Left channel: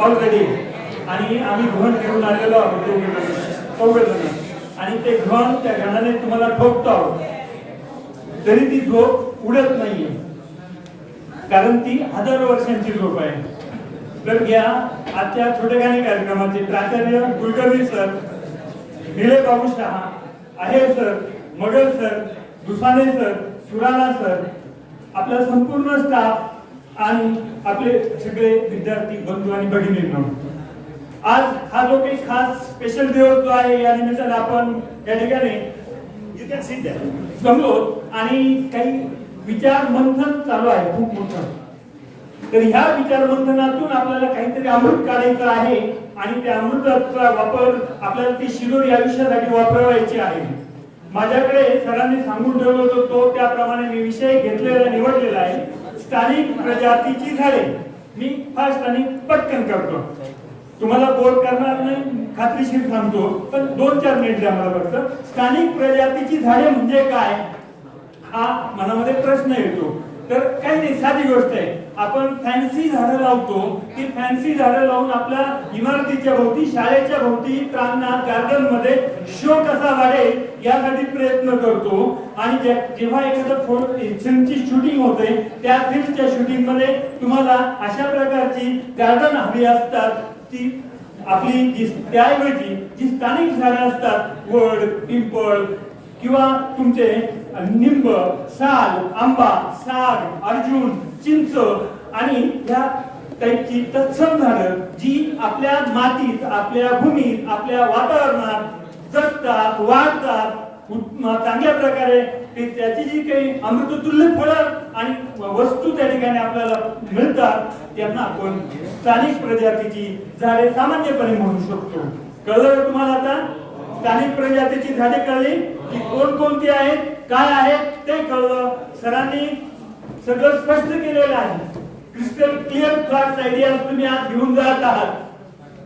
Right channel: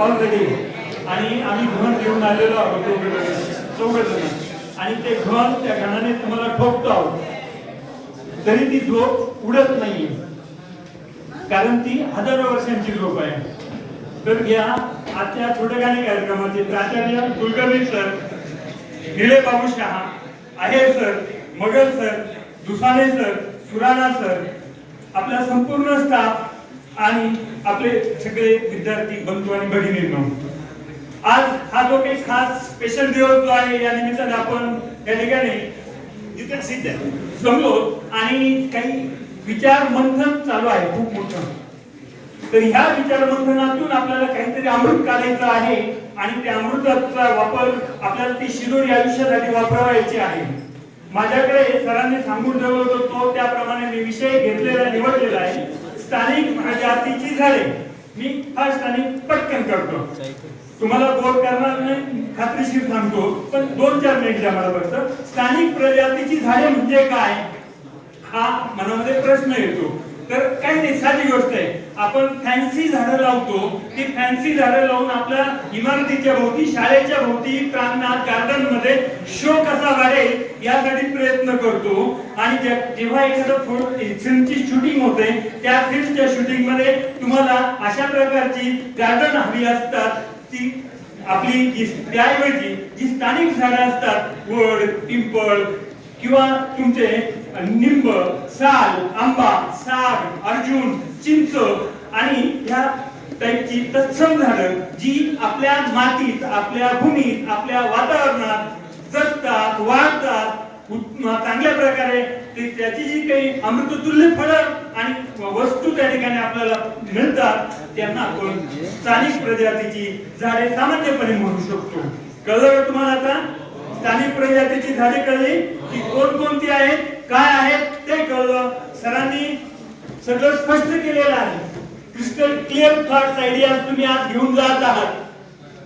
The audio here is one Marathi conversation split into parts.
ऑलरेडी आणि आम्ही घन घेऊन आलेलो आहोत चौघजण आणि ते घन त्या घनाने तुम्हाला ठोकतो आहोत तरी ती झोप उडत नाहीये कारण ती हजारो वर्षांची झोप आहे. तर घ्या आजच्या छोट्याखानी कार्यक्रमाचे प्राचार्य Kulkarni sir, Nile Babu Shah, Aher sir, Magar sir, Dusane sir, Surana sir, आपला संपूर्ण स्टाफ आणि आपले सगळे विद्यार्थी बंधू आणि भगिनींनो, आज हा जो काही खास स्पेशल दिवस जो आहे या निमित्ताने आपण या ठिकाणी समोर आणि काही विचार मंथन चालू आहे खूप मोठं. तर ह्या विचार मंथनातून आपल्याला काहीतरी अमृत काढायचं आहे आणि त्या अमृताचा वापर आपल्याला ती शिदोरी आयुष्यासाठी वापरायची आहे. माझ्याकडे सरांनी सांगून ठेवलं होतं तो त्याप्रमाणे मी विषय घेतलेला निवडलेला आहे स्थानिक प्रजातीची झाडे. मी फास्ट आणि पटकन करतो, तुम्हाला बोर करणार नाही खात्रीशीर सांगतो, पण 2-4 मिनिट द्या मला फक्त. स्थानिक प्रजातीची झाडे म्हणजे काय हा मनामध्ये प्रश्न येतो. तर काही नाही, साधी गोष्ट आहे. आपण फॅन्सी झाडं लावतो, ती फॅन्सी झाडं लावून आपल्या इमारतीच्या भोवती, शाळेच्या भोवती, प्रांगणात, गार्डन मध्ये शो कसा वाढेल यासाठी प्रयत्न करतो. आणि जेव्हा एखादं फिल्मची शूटिंग होते त्या फिल्मच्या शूटिंग मध्ये तुम्हाला अशा प्रकारची गार्डन हवी असतात. ती आपली त्याऐवजी जी स्थानिक झाडं असतात, वड, पिंपळ किंवा तुमचे निंब, साल, आंबा, साग, अर्जुन, चिंच आणि ह्या टाईपची तत्सम झाडं जी आपल्या मातीत, आपल्या भूमीत, आपल्या वातावरणात जगतात, वाढतात, चांगल्या प्रकारे त्याची जी काही अमृततुल्य फळं आणि वस्तू त्या ठिकाणी आपल्याला मिळतात त्यांना आपण स्थानिक प्रजातीची झाडे सामान्यपणे म्हणू शकतो. कळलं तुम्हाला आता? स्थानिक प्रजातीची झाडे कळली की कोणकोणती आहेत, काय आहेत ते कळलं. सरांनी सगळं स्पष्ट केलेलं आहे. क्रिस्टल क्लिअर थॉट्स आयडियाज तुम्ही आज घेऊन जात आहात.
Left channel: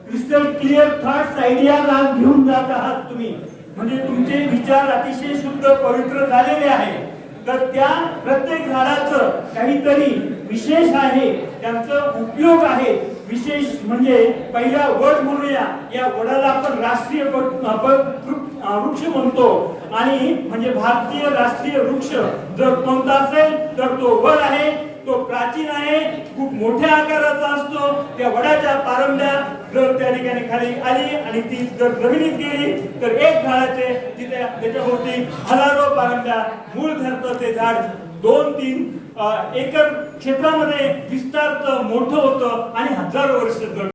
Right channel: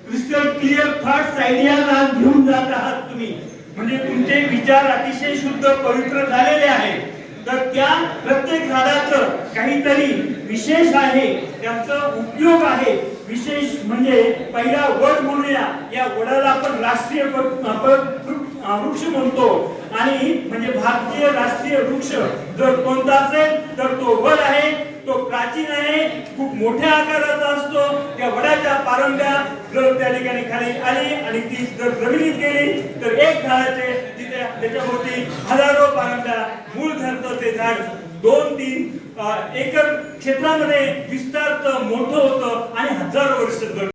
क्रिस्टल क्लिअर थॉट्स आयडियाज आज घेऊन जात आहात तुम्ही, म्हणजे तुमचे विचार अतिशय शुद्ध पवित्र झालेले आहेत. तर त्या प्रत्येक झाडाचं काहीतरी विशेष आहे, त्यांचा उपयोग आहे. विशेष म्हणजे पहिला वड म्हणूया, या वडाला आपण राष्ट्रीय वृक्ष म्हणतो आणि म्हणजे भारतीय राष्ट्रीय वृक्ष जर कोणता असेल तर तो वड आहे. तो प्राचीन आहे, खूप मोठ्या आकाराचा असतो. त्या वडाच्या पारंब्या जर त्या ठिकाणी खाली आली आणि ती जर जमिनीत गेली तर एक झाडाचे तिथे त्याच्याभोवती हजारो पारंब्या मूळ धरतं ते झाड. 2-3 एकर क्षेत्रामध्ये विस्तारतं, मोठं होतं आणि हजारो वर्ष